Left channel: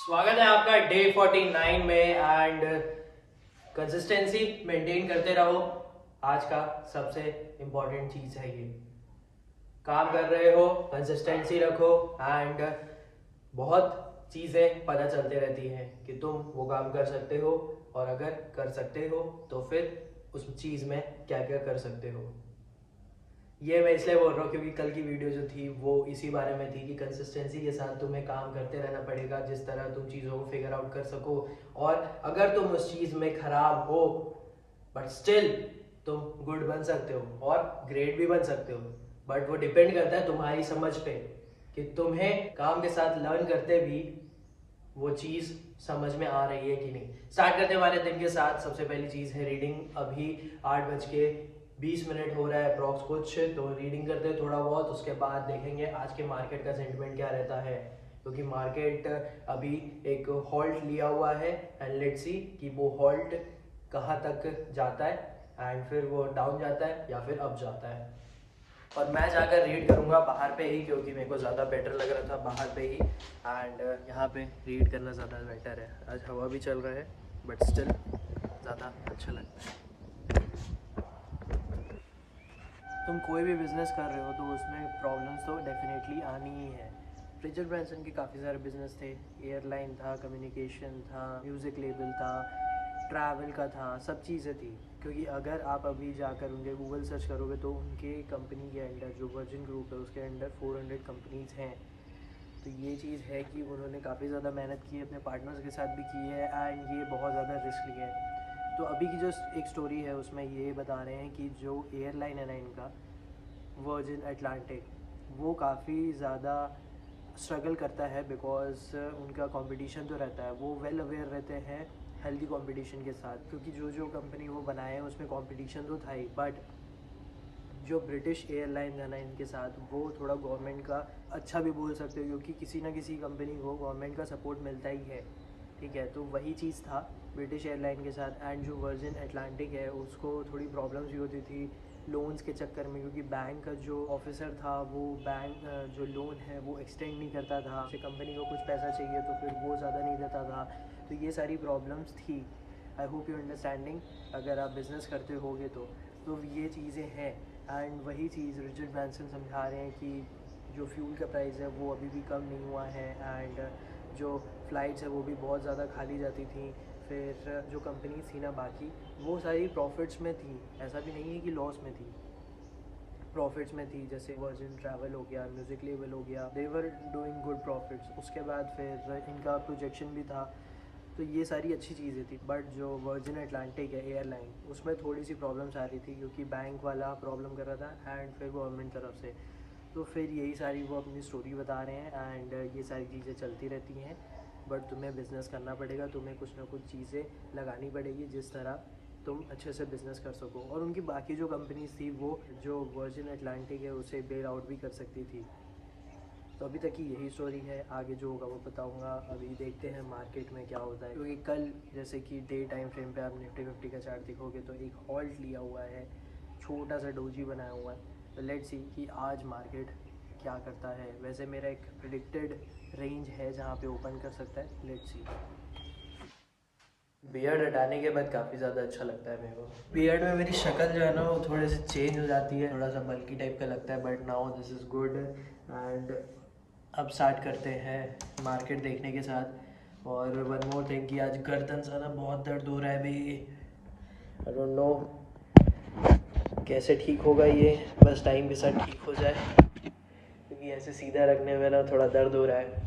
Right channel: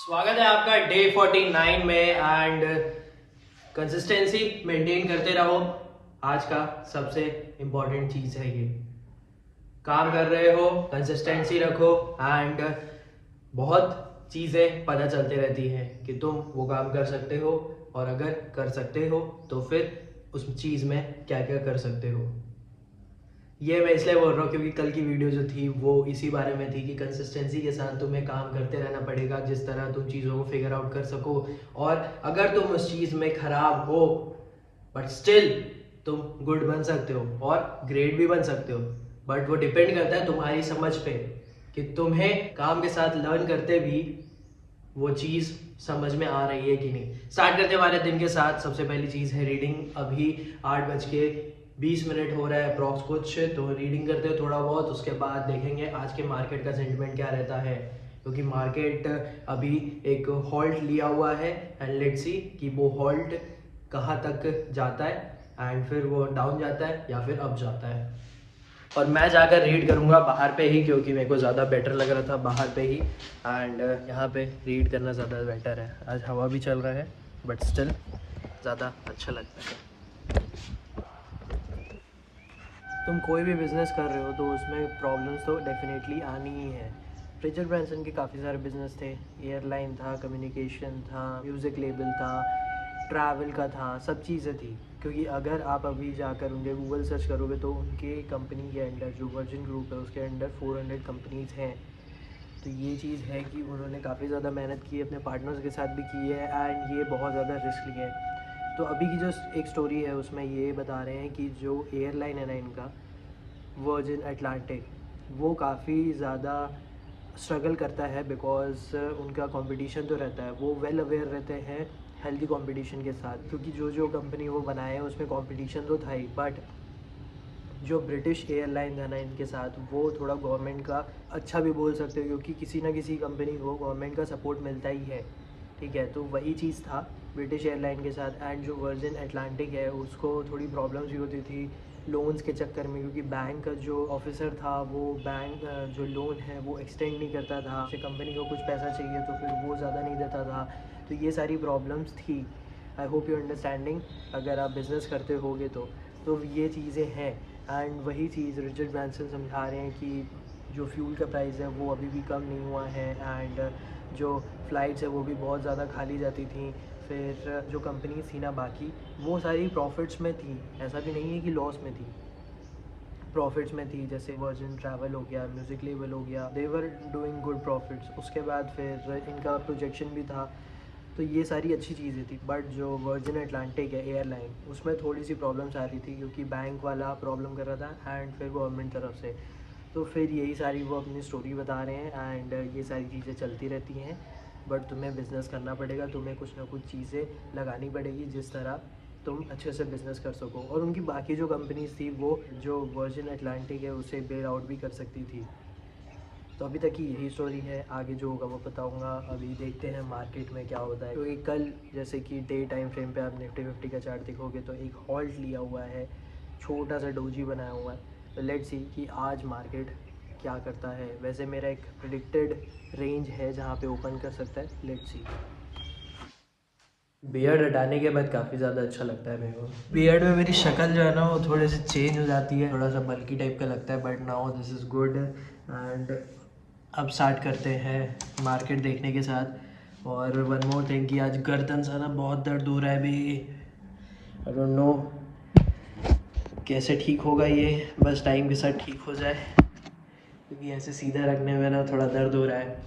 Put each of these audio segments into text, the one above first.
स्वागत है आपका डे 49 में एंड कंसिस्टेंसी मेंटेन करते रहो। आज का सबसे इम्पोर्टेंट चीज़ है ये, काम कर रहे हो कंसिस्टेंसी रखो एंड बहुत चीज़ें पता चलती रहती हैं कि तुम वो काम कर सकते हो और अगर कर सकते हो तो फिर उस चीज़ में क्या क्या कर सकते हो। ये मैं इसलिए बोल रहा हूँ क्योंकि कल की वीडियो जो थी वो इसी बारे में थी कि कंसिस्टेंसी के साथ तुम्हें काम करते रहना पड़ेगा जिस तरह तुम चीज़ों को फिगर आउट कर सको। और अगर तुम उस चीज़ में खराब हो बट स्टिल तुम गुड बन सकते हो और ग्रेट भी बन सकते हो। बट वो डिपेंड करता है तुम्हारी समझ पे कि तुम्हें काम के साथ लर्न करते भी वो चीज़ समझ में आ रही है कि नहीं। स्टार्ट करते हमारे दिन के साथ। सबसे पहली चीज़ है रीडिंग। अभी 8:20 हो रहा है अप्रॉक्स कुछ, तो रीडिंग करते हैं थोड़ा बहुत। उसके बाद देखेंगे आज के मार्केट का सेंटिमेंट क्या रहता है, क्योंकि मार्केट अभी एक हॉल्ट लिया हुआ है एंड लेट्स सी कि वो हॉल्ट कहाँ तक जाता है एंड फिर वो डाउन जाता है या फिर अप जाता है। और मैं जाकर रीड करूँगा बाहर पे ही क्योंकि मेरे को ज़्यादा बेटर लग रहा था बाहर पे ही एंड यहाँ पे रीड करना ज़्यादा बेटर है। आज हवा भी चल रहा है बट स्टिल ज़्यादा अच्छा लगता है। तुम कोई भी बिज़नेस कर रहे हो तो उसमें प्रॉब्लम्स तो डेफिनेटली आनी ही है। रिचर्ड ब्रांसन के काफ़ी सारे बिजनेस थे, एयरलाइन था, कम्युनिकेशन था, म्यूज़िक लेबल था, ट्रैवल का था, सब चीज़ें थी। क्योंकि अगर आप अभी जाकर उनके गूगल सर्च करोगे तो उनके कंपनी के अंडर जो वर्जिन ग्रुप है उसके अंडर 400 कंपनीज़ हैं। तो ये चीज़ है कि उन्होंने काफ़ी ज़्यादा मेहनत की है, अपने पार्टनर्स के साथ भी की है एंड ये बहुत ज़्यादा रिस्क लिए है। तो अभी की जो एक स्टोरी है उसमें ये बता रहे हैं कि जो एयरलाइन है ना इनका, वर्जिन अटलांटिक, वो काफ़ी ज़्यादा स्ट्रगल करता है बिकॉज उनका कंपटीशन तो रहता है। वो वेल अवेयर रहते हैं हेल्दी कंपटीशन के साथ, क्योंकि जो जो कंपनी वो बनाए हैं उसमें कंपटीशन तो था ही, बट जो ब्रिटिश एयरलाइन है ना इनके साथ, वो थोड़ा गवर्नमेंट का अच्छा भी बोल सकते हो क्योंकि किसी ना किसी कंपनी को गवर्नमेंट का सपोर्ट मिलता ही है। ठीक है, तो वही चीज़ था ब्रिटिश एयरलाइन के साथ। एंड जो वर्जिन अटलांटिक है उसको थोड़ी प्रॉब्लम्स भी होती थी लोन्स के चक्कर में, क्योंकि बैंक का जो ऑफिसर था वो बैंक जो लोन है वो एक्सटेंड नहीं करता था। जैसे कंपनी को कुछ पैसा चाहिए तो फिर वो ज़्यादा नहीं देता था। तो ये सारी प्रॉब्लम्स थी। आई होप यू अंडरस्टैंडिंग अगर आप बिज़नेस करते होगे तो ये चीज़ें हैं। एंड वही चीज़ रिचर्ड ब्रांसन समझा रहे हैं कि जो फ्यूल का प्राइस है वो अभी भी कम नहीं हुआ है एंड जो फ़्लाइट्स है वो भी बहुत ज़्यादा खाली जाती थी। फिर जो कंपनीज थी ना बाकी, वो सारी प्रॉफिट्स में थी, ऐसा भी नहीं है कि लॉस में थी, प्रॉफिट्स में थी। जैसे वर्जिन ट्रैवल हो गया, म्यूज़िक लेबल हो गया, दे वर डूइंग गुड प्रॉफिट्स। उसके बाद फिर इनका प्रोजेक्शन भी था। तो ये सारी अच्छी चीज़ें थी। बट जो वर्जिन अटलांटिक है एयरलाइन, उसमें थोड़ी सी प्रॉब्लम्स आ रही थी क्योंकि बैंक वाला प्रॉब्लम कर रहा था एंड फिर गवर्नमेंट तरफ से। तो फिर यही सारी वो अपनी स्टोरी बता रहे हैं एंड ये सारी चीज़ें चलती रहती हैं। बट तुम्हें बिज़नेस करना पड़ेगा, तुम्हें कुछ ना कुछ चीज़ें लगानी पड़ेगी जिस तरह तुम अच्छे से बिज़नेस कर सको। और उनकी बाकी जो कंपनीज थी वो जो वर्जिन अटलांटिक है उसे बेल आउट भी कर सकती थी। तो अभी तक की यही स्टोरी है, आगे जो होगा वो बताऊंगा। अभी देखते हैं मार्केट में क्या होता है, क्योंकि कल जैसे कि डे टाइम फ्रेम पे आप निफ्टी 50 का चार्ट देखोगे तो एक हॉल्ट लिया हुआ है, छोटा सा डोजी बनाया हुआ है। तो लेट्स सी कि आज मार्केट क्या करता है। वैसे मेरा एक प्रिडिक्टेड रेंज है जहाँ पे ओपन कर सकता है, लेट्स सी। बियर्ड हटाने के बाद काफ़ी ज़्यादा अच्छा लगता है मेरे को। बियर्ड में मेरी शक्ल जो है ना वो थोड़े से चेंज हो जाती है, थोड़ा सा बल्की टाइप का लगता है, but now this is good. And अब स्टार्ट करते हैं मार्केट देखने के साथ। और वन मोर थिंग कि आज गर्दन ज़्यादा बहुत दर्द हो रहा है अभी। आई डोंट नो कैसे ठीक होगा ये, बस टाइम के साथ ठीक हो जाए क्योंकि ऐसे सीधा रखने में ना थोड़ा दर्द हो रहा है।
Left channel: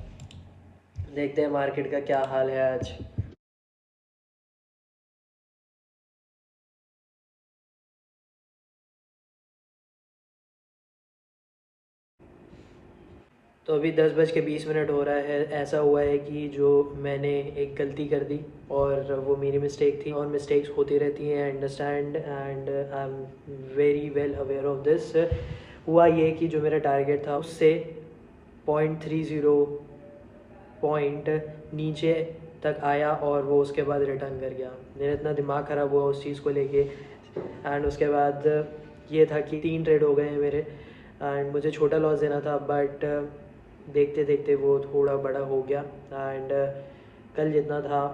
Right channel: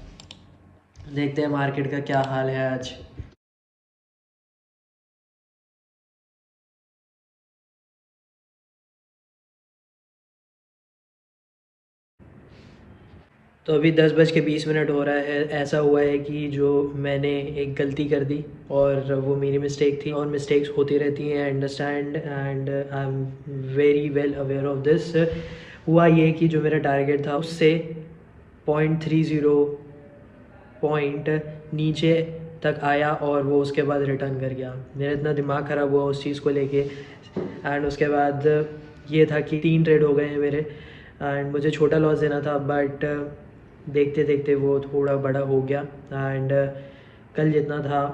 देखते हैं मार्केट का क्या हाल है आज। तो अभी 10:20 हो रहा है। ऐसा हुआ है कि जो मैंने एक गलती कर दी और वो मेरी मिस्टेक थी, और मिस्टेक्स होती रहती हैं, understand and I am very well aware of this. हुआ ये कि जो मेरा टारगेट था उससे 0.30 पॉइंट नीचे तक आया और वो उसके बाद रिटर्न कर गया। मेरा इतना दिमाग ख़राब हुआ उस चीज़ को लेके। एंड उसके बाद ये था कि 3 ट्रेड हो गए हैं मेरे एंड मुझे छोटा लॉस देना था, बट देखते देखते वो थोड़ा बड़ा हो गया। एंड कल जितना था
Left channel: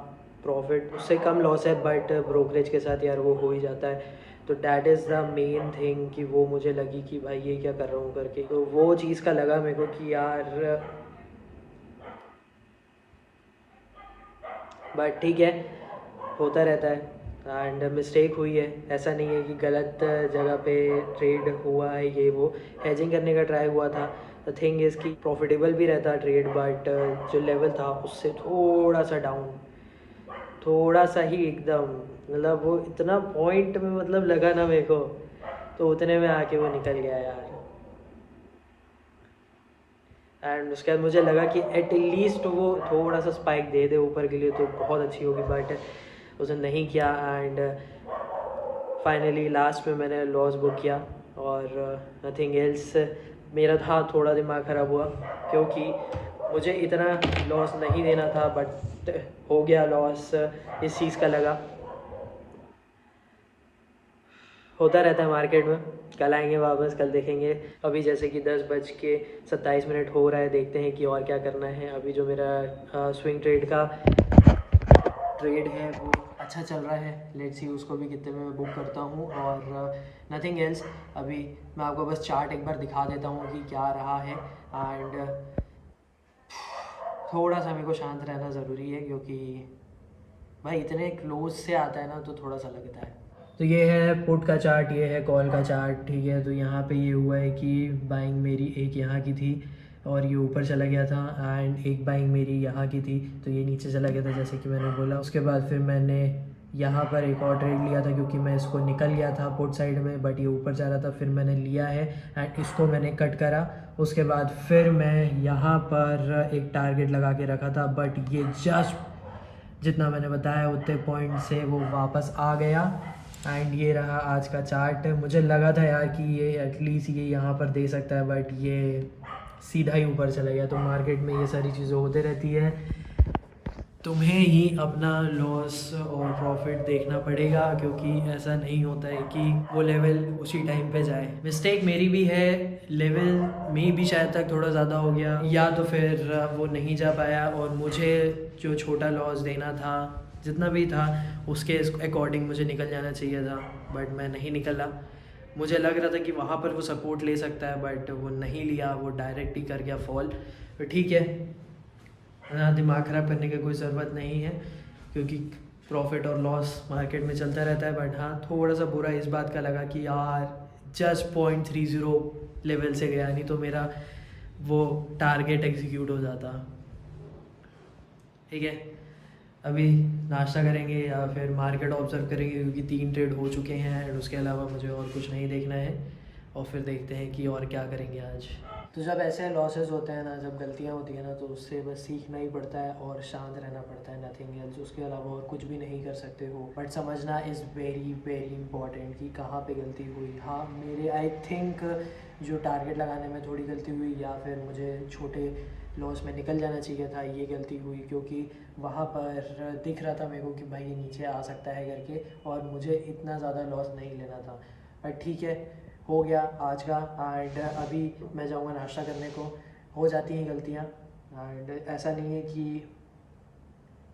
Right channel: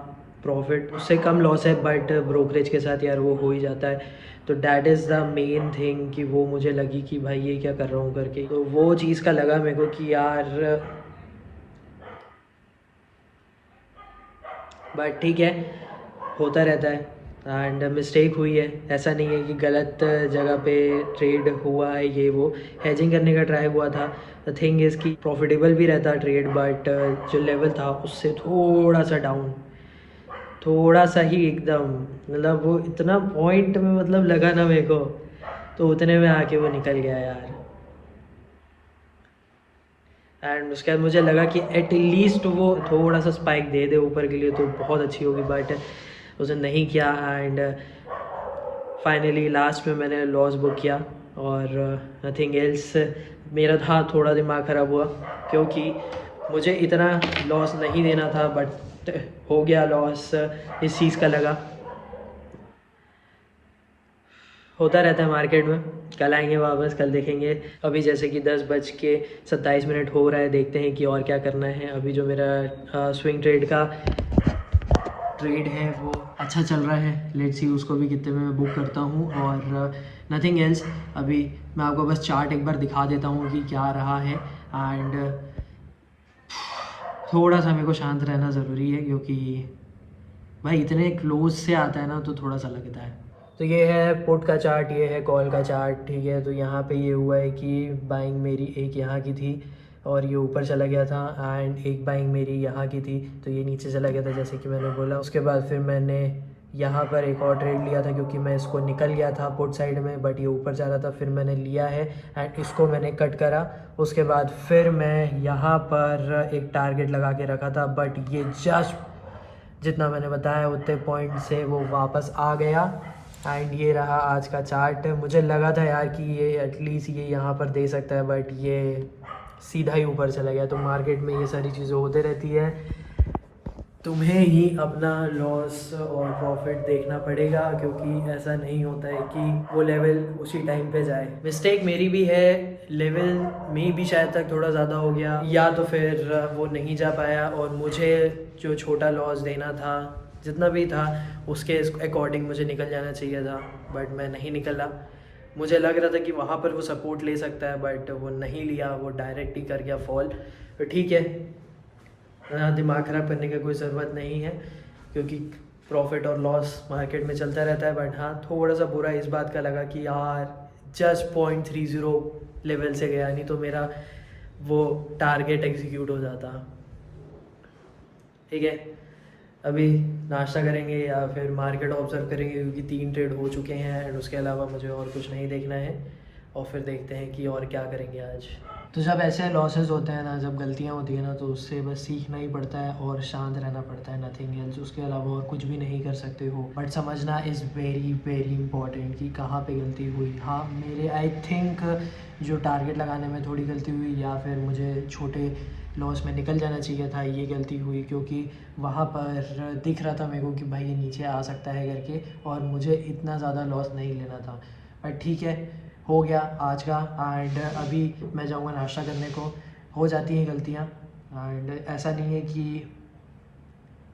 प्रॉफिट उससे कम लॉस है, बट ब्रोकरेज के साथ यार वो हो ही जाता है। तो that is the main thing कि वो मुझे लगी कि भाई ये क्या कर रहा हूँ करके, तो वो चीज़ का लगा मेरे को कि यार, बट ठीक है, होता रहता है एंड मिस्टेक हुई है। ऐसा नहीं है कि गलत जगह पे ट्रेड हुआ है, ये वो हेजिंग करने का ट्राई हुआ था। द थिंग इज़ कि प्रॉफिटेबल भी रहता ट्रेड, बट जो लेवल था उससे थोड़ा सा डाउन, थोड़ा सा ही एकदम, मतलब वो इतना पॉइंट में मतलब लगा ना मेरे को, तो उतने में आके वो निकल गया यार। एंड उसके बाद मुझे लगा कि एटलीस्ट वो थोड़ा सा स्पाइक दे दे ऊपर के लिए तो बहुत अच्छी होगी, बट उसने नहीं किया। एंड फाइनली लास्ट में मैंने लॉस बुक किया और नथिंग एल्स। मेरा था थोड़ा दिमाग ख़राब हुआ क्योंकि मुझे इतना लॉस नहीं देना था, बट हो गया लॉस। इस चीज़ का लगा, होता रहता है मार्केट में। कल आएंगे वापस, कल देखेंगे। अभी जैसे कि 10:27 हो रहा है, देखते हैं कि और क्या करना है। अभी जो मेरा स्विंग ट्रेड का ट्रेड है वो अच्छा चल रहा है, लेट्स सी उसको भी कितने में मैं बुक करता हूँ। और नथिंग एल्स, अभी मैं आपको बस चार्ट एक बार दिखा देता हूँ कि क्या रहा है। एंड थोड़ा सा मेरे को शांत रहना ज़रूरी है क्योंकि भाई इतने क्लोज से आता है ना तो थोड़ा सा लगता है। तो ये है पुट का चार्ट, ये है कॉल का चार्ट, ठीक है। तो यहाँ पे ये हुआ है कि बाइंग मेरी एक यहाँ की थी और ये ऊपर चला गया था, एंड एक बाइंग मेरी यहाँ की थी तो ये नीचे चला गया था जैसे कि मैंने बोला। उसके बाद फिर मैंने यहाँ पर एक और ट्रेड लिया था क्योंकि मैं इसको निकल गया था पुट साइड में, बट ये ऊपर जा रहा था, फिर मैंने लिया है एंड इसको मैंने कट करा। उसके बाद फिर मैं यहाँ पर एक टारगेट लगा के रखा था, बट ये जस्ट जितना मैंने बताया उतने पॉइंट से वो वापस आ गया। एंड ये रहा आज का चार्ट। मुझे लगा था यार कि ये एटलीस्ट ये यहाँ पर दे सकता है, बट ये सीधा ही ऊपर चला गया। तो मार्केट में ये सारी चीज़ें होती रहती है, तुम्हें ही अपना लॉस और प्रॉफिट देखना पड़ेगा क्योंकि ऐसा नहीं होता है कि वो लेवल उसी टाइम पे जाए। मिस्टेक मेरी भी है, लेवल में भी शायद तक थोड़ा ज़्यादा हो गया, या तो फिर वो नहीं जा पाया और मुझे जो छोटा लॉस देना था जितना भी था उसके अकॉर्डिंग मुझे निकल जाना चाहिए था, बट मैं नहीं निकला। मुझे लग रहा था कि वहाँ पर वो सपोर्ट ले सकता है, बट वो नहीं लिया, वो डायरेक्ट ही कर गया फॉल। तो ठीक है, दिमाग ख़राब करने की कोई ज़रूरत नहीं है क्योंकि प्रॉफिट और लॉस मार्केट में चलता रहता है। बट हाँ, थोड़ा सा बुरा इस बात का लगा कि यार जस्ट 0.30 लेवल से गया, नहीं तो मेरा वो टारगेट एग्जीक्यूट हो जाता। ठीक है, अभी नाश्ता करेंगे या फिर मार्केट ऑब्जर्व करेंगे क्योंकि 3 ट्रेड हो चुके हैं एंड उसके अलावा मुझे और कुछ नहीं देखना है। और फिर देखते हैं कि और क्या करेंगे आज। तो जब ऐसे लॉसेस होते हैं ना, जब गलतियाँ होती हैं ना, तो उससे बस सीखना ही पड़ता है और शांत रहना पड़ता है, नथिंग एल्स। उसके अलावा और कुछ भी नहीं कर सकते हो। बट समझना इज़ वेरी वेरी इंपॉर्टेंट कि कहाँ पे गलती हुई। हाँ, मेरे आई थिंक जो टारगेट लगाने में थोड़ी गलती हुई, या फिर मुझे छोटे लॉस में निकल जाना चाहिए था, ये गलती हुई क्योंकि वहाँ पर दिख रहा था मेरे को कि भाई ये नीचे आ सकता है करके, और मुझे इतना ज़्यादा लॉस नहीं लेना था। बट ठीक है, हो गया आज का। एंड अभी मैं जाऊँगा नाश्ता करने को। हो जाती हैं गलतियाँ एंड ऐसा नहीं है कि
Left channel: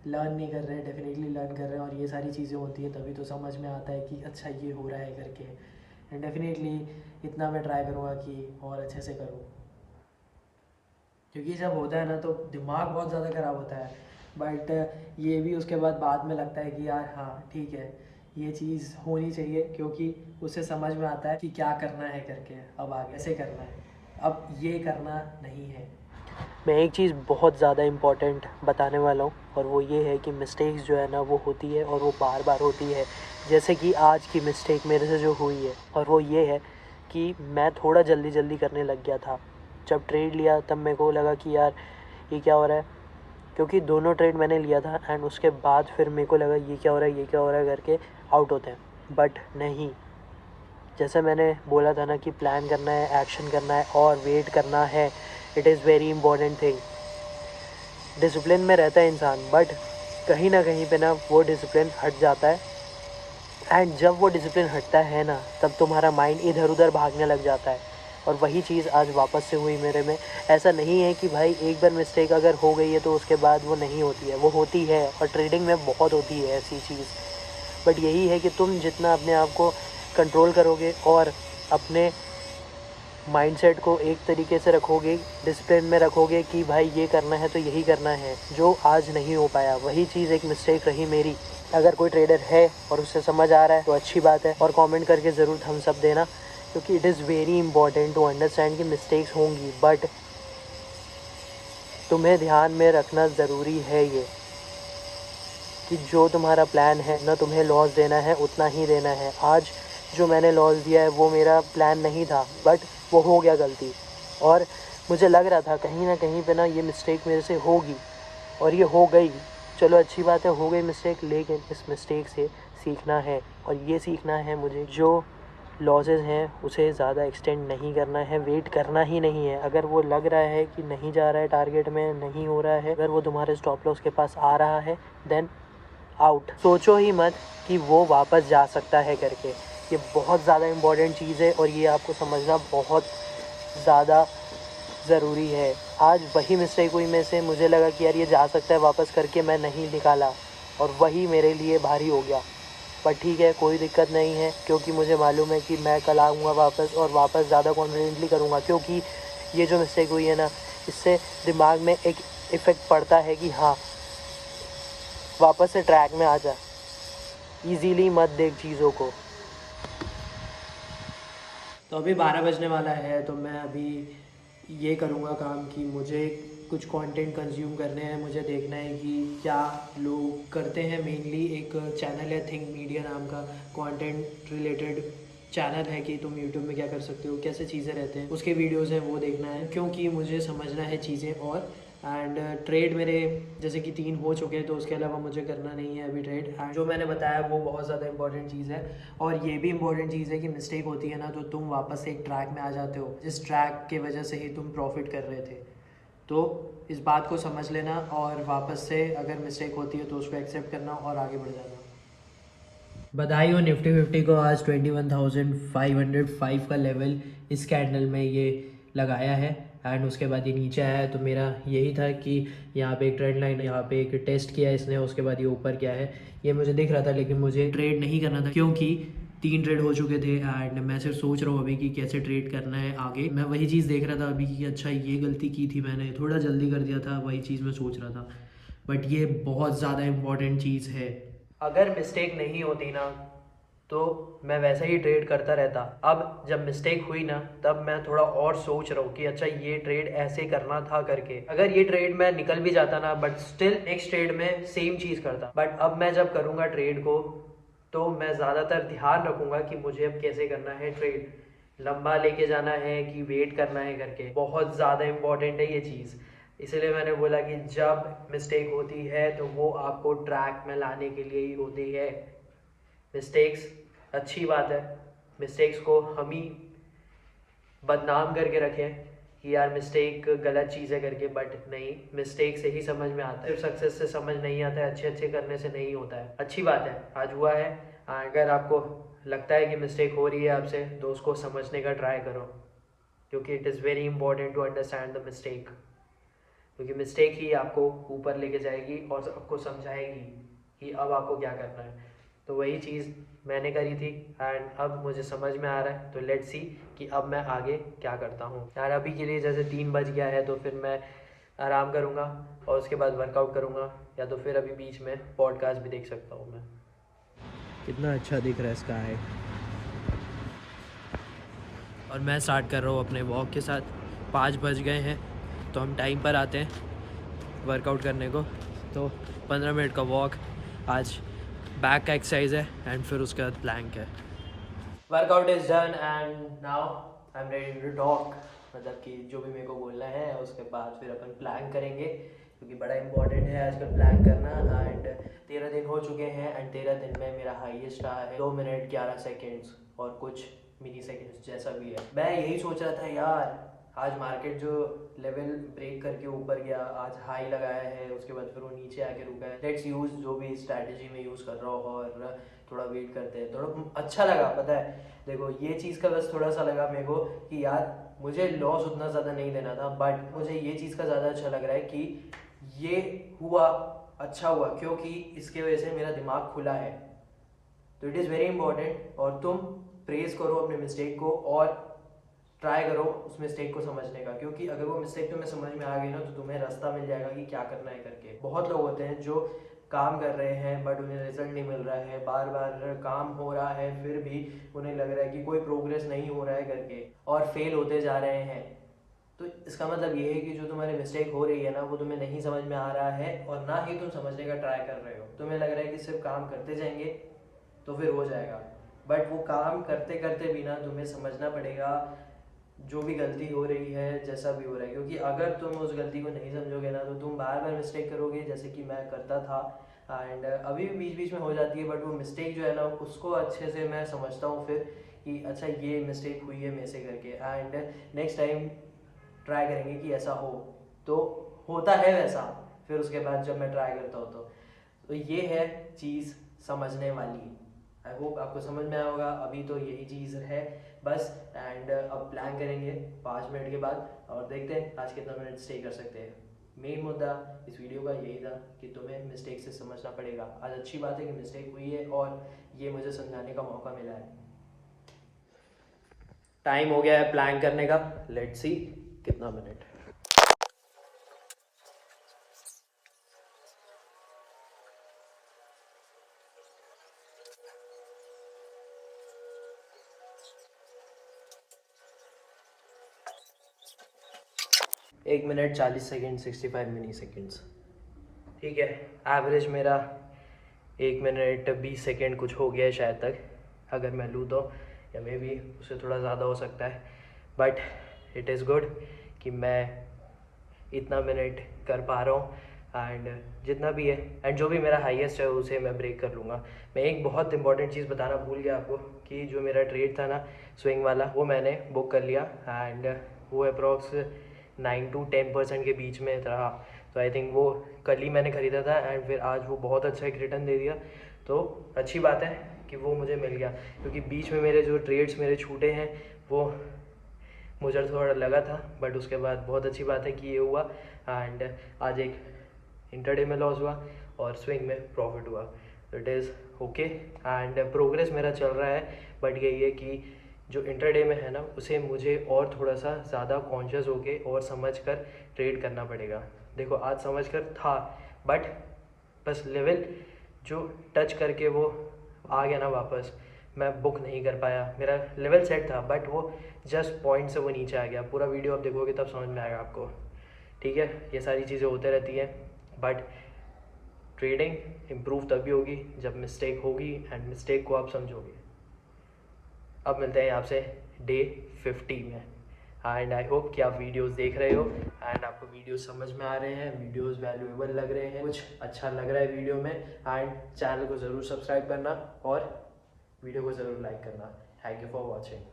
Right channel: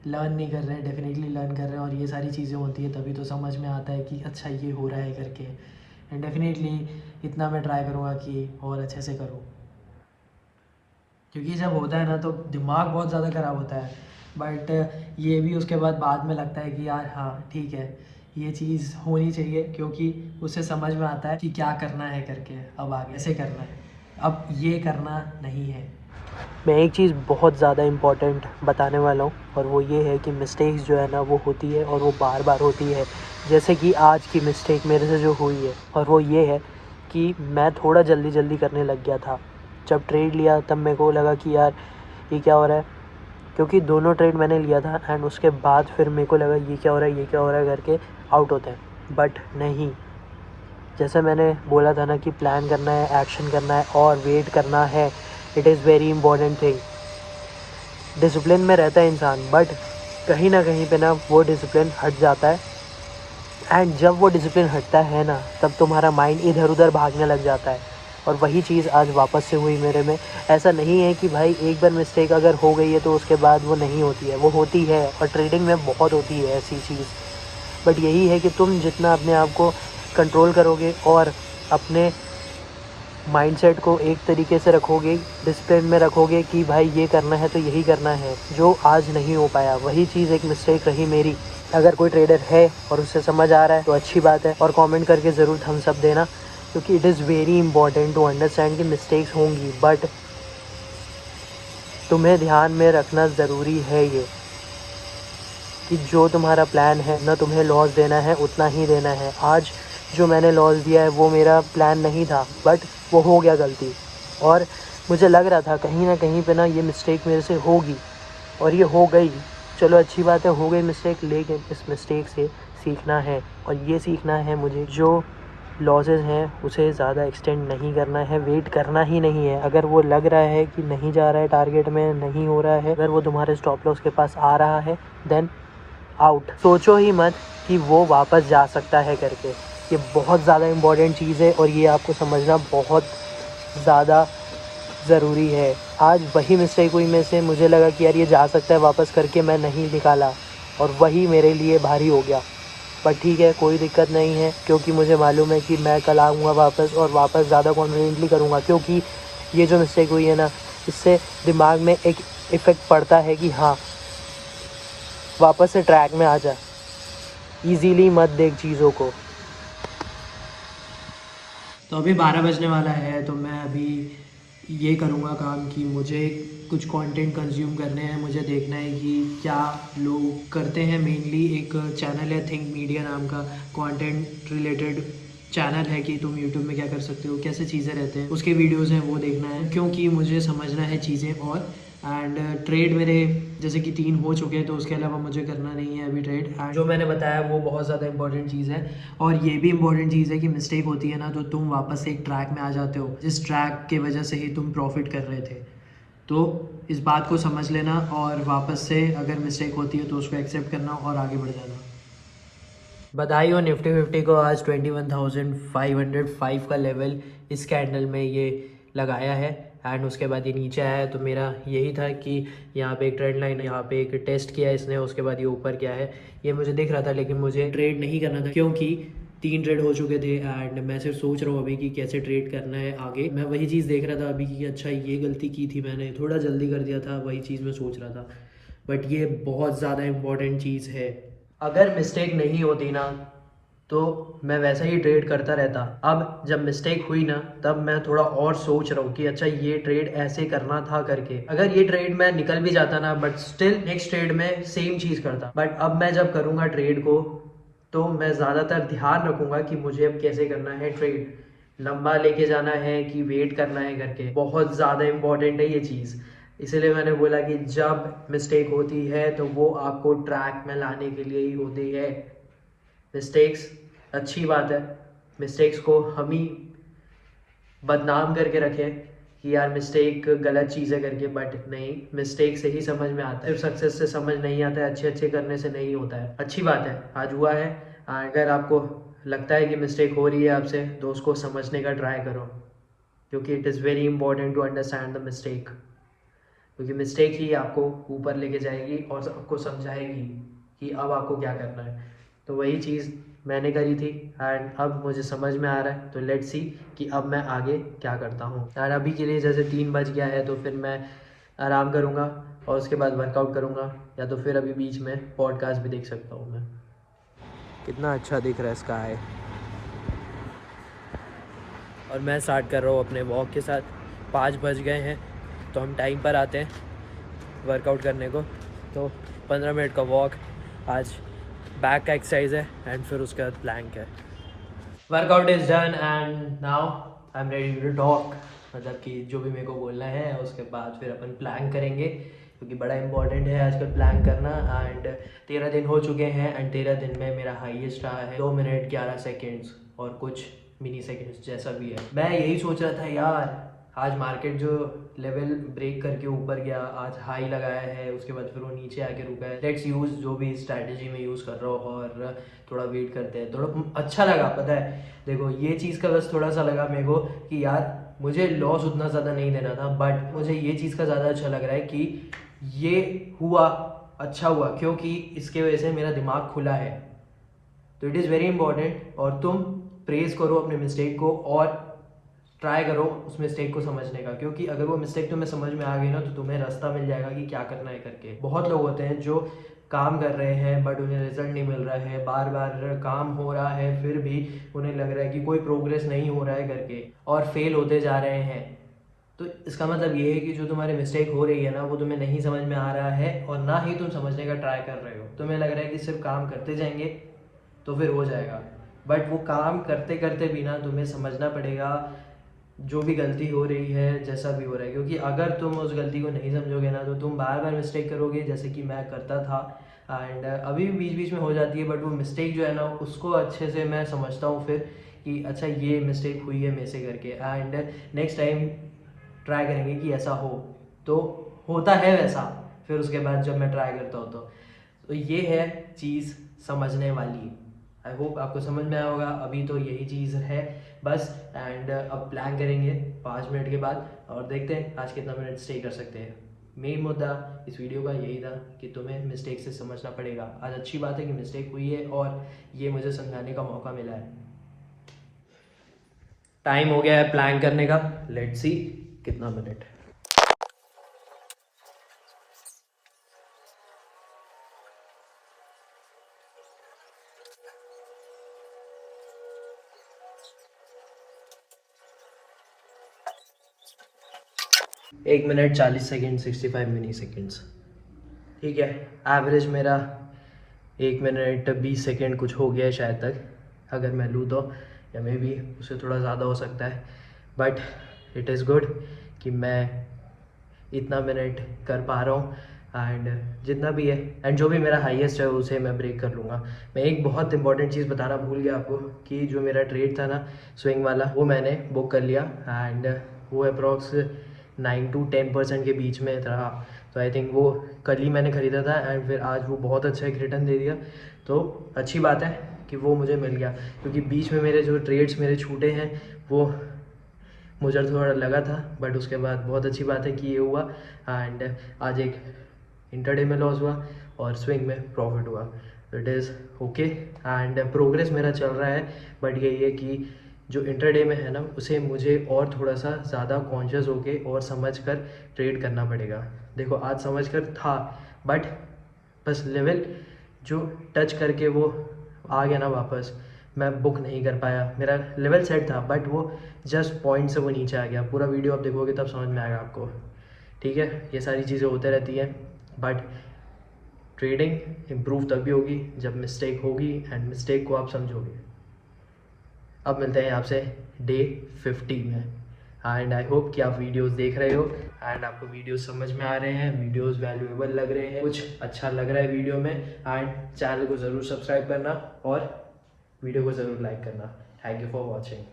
लर्न नहीं कर रहे हैं, डेफिनेटली लर्न कर रहे हैं, और ये सारी चीज़ें होती है तभी तो समझ में आता है कि अच्छा ये हो रहा है करके। एंड डेफिनेटली इतना मैं ट्राई करूँगा कि और अच्छे से करूँ, क्योंकि जब होता है ना तो दिमाग बहुत ज़्यादा ख़राब होता है। बट ये भी उसके बाद में लगता है कि यार हाँ ठीक है, ये चीज़ होनी चाहिए क्योंकि उससे समझ में आता है कि क्या करना है करके, अब आगे ऐसे करना है, अब ये करना नहीं है। मैं एक चीज़ बहुत ज़्यादा इम्पॉर्टेंट बताने वाला हूँ और वो ये है कि मिस्टेक्स जो है ना वो होती है और वो बार बार होती है। जैसे कि आज की मिस्टेक मेरे से जो हुई है, और वो ये है कि मैं थोड़ा जल्दी करने लग गया था। जब ट्रेड लिया तब मेरे को लगा कि यार ये क्या हो रहा है, क्योंकि दोनों ट्रेड मैंने लिया था एंड उसके बाद फिर मेरे को लगा ये क्या हो रहा है, ये क्या हो रहा है करके आउट होते हैं। बट नहीं, जैसे मैंने बोला था ना कि प्लान करना है, एक्शन करना है और वेट करना है। It is very important thing. Discipline में रहता है इंसान, बट कहीं ना कहीं पे ना वो डिसिप्लिन हट जाता है। एंड जब वो डिसिप्लिन हटता है ना, तब तुम्हारा माइंड इधर उधर भागने लग जाता है। और वही चीज़ आज वापस से हुई मेरे में। ऐसा नहीं है कि भाई एक बार मिस्टेक अगर हो गई है तो उसके बाद वो नहीं होती है, वो होती है और ट्रेडिंग में बहुत होती है ऐसी चीज़। बट यही है कि तुम जितना अपने आप को कंट्रोल करोगे और अपने माइंडसेट को एक तरीके से रखोगे, डिसिप्लिन में रखोगे कि भाई ये करना है तो यही करना है, जो आज नहीं हो पाया वही चीज़ एक मिस्टेक रही मेरी। अगर कोई ट्रेडर है और उससे समझ आ रहा है तो अच्छी बात है, और कमेंट करके ज़रूर थम्स अप देना, क्योंकि it is very important to understand कि मिस्टेक्स होंगी, बट तुम्हें ध्यान में रखना ज़रूरी है ये कि जो तुम्हारा प्लान है ना, तुम्हें लॉस देना है उतना ही देना है। आज जो मैंने लॉस दिया है वो मेरा प्लान नहीं था, बट वो हो गया गलती, और मुझे लग रहा था कहीं ना कहीं पे ना ये मिस्टेक मेरे से होगी, और ये हो गई। चलो अच्छी बात है, हो गई मिस्टेक, लेकिन इस मिस्टेक से सीखना है, और ये सीखना है मुझे जो लॉसेस हैं उसे ज़्यादा एक्सटेंड नहीं करना है, वेट करना ही नहीं है। अगर वो लग रहा है कि नहीं जा रहा है टारगेट में, नहीं हो रहा है, अगर वो तुम्हारे स्टॉप लॉस के पास आ रहा है, देन आउट। सोचो ही मत कि वो वापस जा सकता है करके। ये बहुत ज़्यादा इम्पॉर्टेंट चीज़ है और ये आपको समझना बहुत ज़्यादा ज़रूरी है। आज वही मिस्टेक हुई में से, मुझे लगा कि यार ये जा सकता है वापस करके, मैं नहीं निकाला और वही मेरे लिए भारी हो गया। पर ठीक है, कोई दिक्कत नहीं है, क्योंकि मुझे मालूम है कि मैं कल आऊँगा वापस और वापस ज़्यादा कॉन्फिडेंटली करूँगा। क्योंकि ये जो मिस्टेक हुई है ना, इससे दिमाग में एक इफ़ेक्ट पड़ता है कि हाँ वापस से ट्रैक में आ जा, ईज़िली मत देख चीज़ों को। तो अभी 12 बजने वाला है, तो मैं अभी ये करूँगा काम कि मुझे कुछ कंटेंट कंज्यूम करने हैं। मुझे देखना है कि क्या लोग करते हैं। मेनली एक चैनल है थिंक मीडिया नाम का, कंटेंट रिलेटेड चैनल है कि तुम यूट्यूब में क्या कर सकते हो, कैसे चीज़ें रहते हैं, उसके वीडियोज़ हैं वो देखना है, क्योंकि मुझे समझना है चीज़ें। और एंड ट्रेड मेरे जैसे कि 3 हो चुके हैं, तो उसके अलावा मुझे करना नहीं है अभी ट्रेड। एंड जो मैंने बताया वो बहुत ज़्यादा इंपॉर्टेंट चीज़ है, और ये भी इंपॉर्टेंट चीज़ है कि मिस्टेक होती है ना, तो तुम वापस से एक ट्रैक में आ जाते हो, जिस ट्रैक के वजह से ही तुम प्रॉफिट कर रहे थे। तो इस बात को समझ लेना, और वापस से अगर मिस्टेक होती है तो उसको एक्सेप्ट करना और आगे बढ़ जाना। बधाई हो निफ्टी फिफ्टी को, आज 21,505 का लेवल इस कैंडल में ये लगाया है। एंड उसके बाद ये नीचे आया है, तो मेरा यही था कि यहाँ पे एक ट्रेंड लाइन, यहाँ पे एक टेस्ट किया इसने, उसके बाद ये ऊपर क्या है ये मुझे दिख रहा था, लेकिन मुझे ट्रेड नहीं करना था क्योंकि 3 ट्रेड हो चुके थे। एंड मैं सिर्फ सोच रहा हूँ अभी कि कैसे ट्रेड करना है आगे। मैं वही चीज़ देख रहा था अभी कि अच्छा ये गलती की थी मैंने, थोड़ा जल्दी कर दिया था, वही चीज़ मैं सोच रहा था। बट ये बहुत ज़्यादा इम्पॉर्टेंट चीज़ है। अगर मिस्टेक नहीं होती ना, तो मैं वैसा ही ट्रेड करता रहता। अब जब मिस्टेक हुई ना, तब मैं थोड़ा और सोच रहा हूँ कि अच्छा ये ट्रेड ऐसे करना था करके। अगर ये ट्रेड मैं निकल भी जाता ना, बट स्टिल नेक्स्ट ट्रेड में सेम चीज़ करता। बट अब मैं जब करूँगा ट्रेड को, तो मैं ज़्यादातर ध्यान रखूँगा कि मुझे अब कैसे करना है ट्रेड, लंबा लेके जाना है कि वेट करना है करके। बहुत ज़्यादा इंपॉर्टेंट है ये चीज़, इसलिए मैंने बोला कि जब मिस्टेक होती है तो वो आपको ट्रैक में लाने के लिए ही होती है। मिस्टेक्स अच्छी बात है, मिस्टेक्स को हम ही बदनाम करके रखें कि यार मिस्टेक गलत चीज़ है करके, बट नहीं, मिस्टेक से ही समझ में आता है, सिर्फ सक्सेस से समझ नहीं आता है, अच्छे अच्छे करने से नहीं होता है। अच्छी बात है आज हुआ है। अगर आपको लगता है कि मिस्टेक हो रही है आपसे, तो उसको समझने का ट्राई करो, क्योंकि it is very important to understand the mistake, क्योंकि मिस्टेक ही आपको ऊपर लेके जाएगी और आपको समझाएगी कि अब आपको क्या करना है। तो वही चीज़ मैंने करी थी, एंड अब मुझे समझ में आ रहा है। तो लेट्स सी कि अब मैं आगे क्या करता हूँ। यार अभी के लिए जैसे 3 बज गया है, तो फिर मैं आराम करूँगा और उसके बाद वर्कआउट करूँगा, या तो फिर अभी बीच में पॉडकास्ट भी देख सकता हूँ मैं। कितना अच्छा दिख रहा है स्काई। और मैं स्टार्ट कर रहा हूँ अपने वॉक के साथ। 5 बज गए हैं, तो हम टाइम पर आते हैं वर्कआउट करने को। तो 15 मिनट का वॉक, आज बैक का एक्सरसाइज है, एंड फिर उसके बाद प्लैंक है। Workout is done and now I am ready to talk, मतलब कि जो भी मेरे को बोलना है, उसके बाद फिर अपन प्लैंक करेंगे, क्योंकि बड़ा इंपॉर्टेंट है आजकल प्लैंक करना। एंड 13 दिन हो चुके हैं, एंड 13 दिन में मेरा हाईएस्ट रहा है 2 मिनट 11 सेकेंड्स और कुछ मिनी सेकेंड्स, जैसा भी है। मैं यही सोच रहा था यार, आज मार्केट जो लेवल ब्रेक करके ऊपर गया, आज हाई लगाया है, उसके बाद फिर वो नीचे आके रुका है। लेट्स यूज़ जो भी स्ट्रैटेजी में यूज़ कर रहा हो और थोड़ा वेट करते हैं। थोड़ा अच्छा लगा, पता है देखो ये चीज़ का बस थोड़ा सा लगा मेरे को कि यार मुझे लॉस उतना ज़्यादा नहीं देना था, बट मुझे ये चीज़ का ज़्यादा अच्छा लग रहा है कि ये हुआ, अच्छा हुआ, क्योंकि इसके वजह से मेरा दिमाग खुला है। तो इट इज़ वेरी इंपॉर्टेंट, और तुम प्रेज करो अपने मिस्टेक को और ट्राई करो उस मिस्टेक को समझने का, क्योंकि अगर वो मिस्टेक तुम्हें समझ में आ गई ना तो तुम्हें रास्ता मिल जाएगा कि क्या करना है करके। बहुत लोग होते हैं जो काम कर रहे हैं बट उन्हें रिजल्ट नहीं मिल रहा है, बार बार काम हो रहा है फिर भी उन्हें लग रहा है कि कोई प्रोग्रेस नहीं हो रहा है करके, और फेल होते जा रहे हैं। तो इसका मतलब ये है कि जो तुम्हारी मिस्टेक हो रही है ना वो तुम्हें नहीं समझ में आ रहा है, और ना ही तुम समझने का ट्राई कर रहे हो। तुम्हें लग रहा है कि सिर्फ काम करते जाएंगे तो फिर हो जाएगा, बट वो काम करते करते भी ना तुम्हें समझना पड़ेगा जो भी गलती हो रही है, जैसा भी हो रहा है, क्योंकि अगर तुम उस गलती को नहीं समझोगे ना तो तुम बार बार मिस्टेक करोगे, जैसे कि मैं करता था। एंड अभी भी बीच बीच में हो जाती है, बट वो मिस्टेक जो है ना उसको अच्छे से मैं समझता हूँ फिर कि अच्छा ये मिस्टेक हुई है मेरे से करके, एंड नेक्स्ट टाइम ट्राई करेंगे कि ऐसा हो। तो होता है वैसा फिर उसके बाद जब मैं ट्राई करता हूँ तो ये है चीज़ समझने वाली। आई होप आपको समझ में आया होगा। अभी तो यही चीज़ है बस, एंड अब प्लान करेंगे 5 मिनट के बाद और देखते हैं आज कितना मिनट स्टे कर सकते हैं। मेन मुद्दा इस वीडियो का यही था कि तुम्हें मिस्टेक से समझना पड़ेगा। आज अच्छी बात है कि मिस्टेक हुई है और ये मुझे समझाने का मौका मिला है। टाइम हो गया है प्लान करने का, लेट्स सी कितना मिनट। एक मिनट 40 सेकेंड 65 मिली सेकेंड्स, ठीक है। एवरेज मेरा 1 मिनट 20 सेकेंड कुछ हो गया है शायद तक, अगर मैं लूँ तो, या मे बी उससे थोड़ा ज़्यादा हो सकता है, बट इट इज़ गुड कि मैं इतना मिनट कर पा रहा हूँ। एंड जितना भी है एंड जो भी मेरा हाईएस्ट है उसे मैं ब्रेक कर लूँगा। मैं एक बहुत इंपॉर्टेंट चीज़ बताना भूल गया आपको कि जो मेरा ट्रेड था ना स्विंग वाला, वो मैंने बुक कर लिया, एंड वो अप्रॉक्स 9 to 10% के बीच में रहा। तो आई थिंक वो कल ही मैंने ख़रीदा था एंड फिर आज वो बहुत अच्छा एक रिटर्न दे दिया। तो अच्छी बात है कि वो मुझे मिल गया, क्योंकि बीच में मेरे जो ट्रेड्स मेरे छूटे हैं वो मुझे थोड़ा लगा था, बट उसके बाद बहुत अच्छी बात है कि ये हुआ। एंड आज एक इंटरडे में लॉस हुआ और स्विंग में प्रॉफिट हुआ। It is okay and progress मेरा चल रहा है, बट यही है कि जो इंटरडे में है ना उसे मुझे और थोड़ा सा ज़्यादा कॉन्शियस होके और समझ कर ट्रेड करना पड़ेगा। देखो आज समझ कर था, बट बस लेवल जो टच करके वो आ गया ना वापस, मैं बुक नहीं कर पाया। मेरा लेवल सेट था बट वो जस्ट पॉइंट से वो नीचे आ गया। पूरा वीडियो आप देखोगे तब समझ में आएगा आपको, ठीक है। ये सारी चीज़ें होते रहती हैं, बट ट्रेडिंग इम्प्रूव तभी होगी जब मिस्टेक होगी एंड मिस्टेक को आप समझोगे। अब मिलते हैं आपसे डे 50 में, एंड आई होप कि आप वीडियोस देख रहे हो एंड आपको वीडियोस समझ में आ रहे हैं, वीडियोस वैल्यूएबल लग रहे हैं, कुछ अच्छा लग रहा है वीडियो में। एंड चैनल को ज़रूर सब्सक्राइब करना और वीडियो को ज़रूर लाइक करना। Thank you for watching.